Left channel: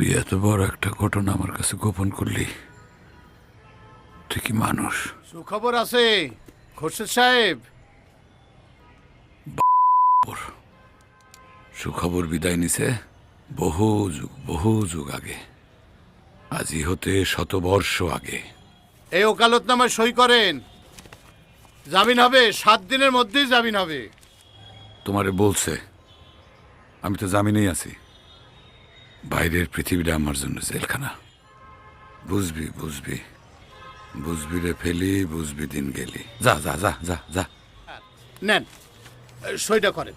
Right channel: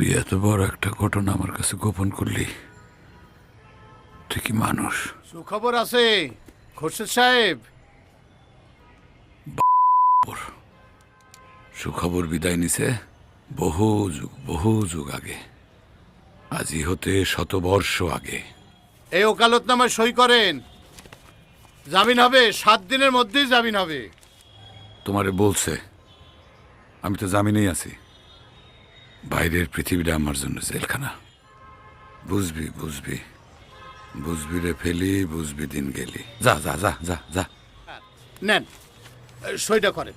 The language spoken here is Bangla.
তুই এত বড় একটা ঘটনা আমার কাছে গোপন করলি, তুই কি মানুষ? সুখবর আছে খোরশেদ সাহেব। সুখবর বিদায় নিছে বহু যুগ আগে, আজি হতে 100 বর্ষ আগে। এই ওকালতনামায় সই করেন, জামিন হবে, 7 দিনের মধ্যেই জামিন হবে। তোমারে বলছে, আমি তো জামিনেই আছি। বাইরের পৃথিবীটা আমার জন্য জেলখানা। বুঝবি বুঝবি বুঝবি রে ফেলি, বুঝবি দিন গেলি। যা যা যা যা যা। নেন, সইটা করেন।